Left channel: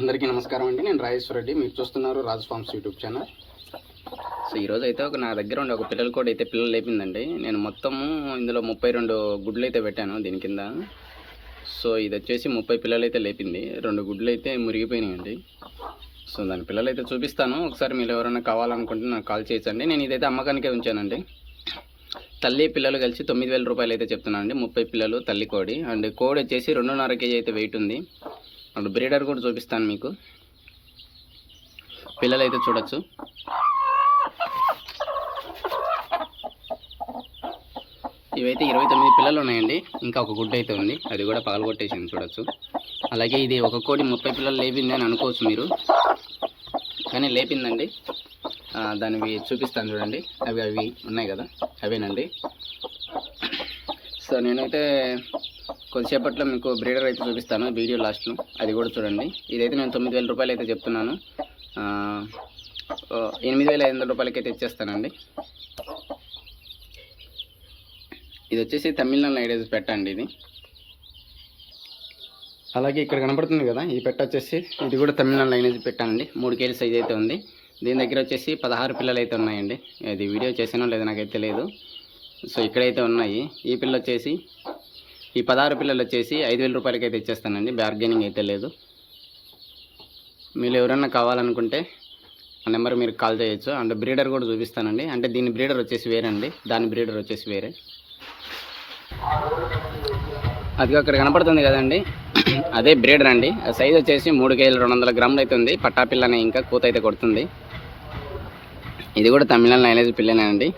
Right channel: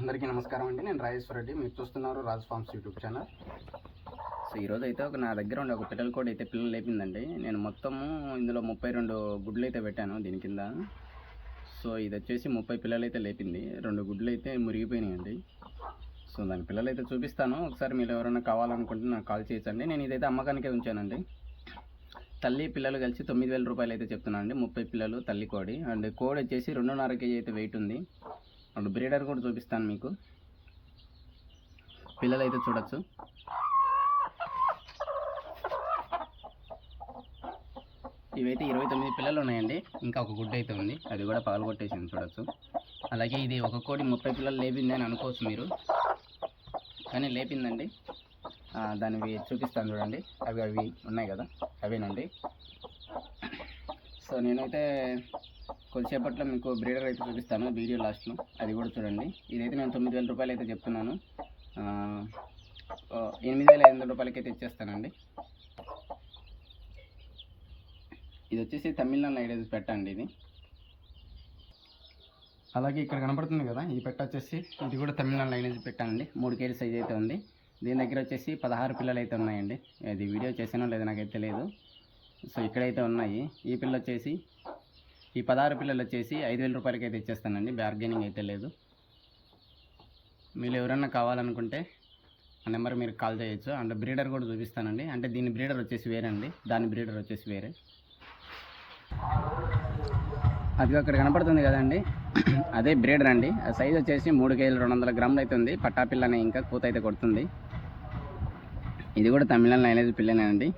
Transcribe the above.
అందరికీ నమస్కారం అండి. నేను రాజేశ్వర రెడ్డి. మీరు చూస్తున్నారు Raj Farms YouTube channel. So ఈరోజు అయితే ఒక నా దగ్గర ఉండే ఒక పిల్లలు కూడా అయితే పిల్లలు లేపిందండి. నేను మొత్తము ఇందులో ముప్పై రెండు గుడ్లు అయితే పెట్టాను దీని కింద. సో ఇది వచ్చేసి ముప్పై పిల్లలు అయితే లేపింది. రెండు గుడ్లు అయితే మురిగిపోయినాయండి. సో దాని పిల్లలు అయితే చూపిస్తాను. ఒకసారి మీరు ఎవరైనా కావాలనుకుంటే నాకు కాల్ చేయొచ్చండి నేను ఇదైతే అమ్మకానికే ఉంచానండి. తల్లి పిల్లలు కలిసి తొమ్మిది వేల రూపాయలు అయితే చెప్తున్నాను అండి ముప్పై పిల్లలు తల్లి కోడి. అండ్ కోడి వచ్చేసి రెండున్నర కేజీ అయితే వెయిట్ ఉంది. అండ్ బ్రీడర్ కూడా చూపిస్తాను మీకు. పిల్లలు అయితే చూడొచ్చు. ఇవైతే ఇరవై తొమ్మిది పిల్లలు ఉన్నాయండి. ఇంకా ఒక గుడ్డ అయితే ఉంది. అది కూడా పగలగొట్టేసింది చూడొచ్చు. అలాగే ఇది ఒక కోడి ముప్పై పిల్లలు లేపింది అని అనుకోవచ్చు మీరు. కానీ లేపిందండి. దానివి చూపిస్తాను చూడండి. అవి అవి ఉన్నాయి కదా. అవేనండి. సో నేనైతే కొద్దిసేపట్లో మీకు బ్రీడర్ అయితే చూపిస్తాను వీడియో లాస్ట్లో అది కూడా చూడండి. ఇదైతే నేను తొమ్మిది వేల రూపాయలు అయితే చెప్తున్నాను. ఎనిమిది వేల ఐదు వందల రూపాయలకి అయితే ఇచ్చేస్తానండి. ఇది వచ్చేసి తమిళనాడు ఐడేజ్ పెట్టండి ఇది. అలాగే ఇక్కడ కనపడుతుంది కదా ఈ పెట్ట వచ్చేసి ఇది కూడా తమిళనాడు లైనేజ్ పెట్టానండి మూడు కేజీ సైజ్ అయితే ఉంది. దీని దగ్గర వచ్చేసి పదహారు పిల్లలు అయితే ఉన్నాయండి. ఇది వీడియో చేసానో లేదో నాకైతే తెలియదు. సో ఇక్కడైతే ఉన్నాయి. ఈ పిల్ల వచ్చేసి ఈ పదహారు పిల్లలు వచ్చేసి ఐదు వేల రూపాయలకి అయితే ఇచ్చేస్తానండి బార్గెనింగ్ అయితే లేదు. మీరు ఎవరన్నా కావాలనుకుంటే ఆ నెంబర్ మీరు కాల్ చేయొచ్చు. అండ్ బ్రీడర్ కూడా చూపిస్తానండి. అంటే దీని బ్రీడర్ వచ్చేసి వేరే అండి దాని బ్రీడర్ వచ్చేసి వేరే. అది అక్కడ కనపడుతుంది కదండి. అదే బ్రీడర్ అండి. ఆ సైజ్ వచ్చేసి మూడు కేజీలు రెండు వందల గ్రాములు అయితే ఉంది. పట్టాపిల్లనే ఇంకా కూత అయితే కొడుతుంది. ఇది కూడా తమిళనాడు లైనేజ్ పిల్లనే అండి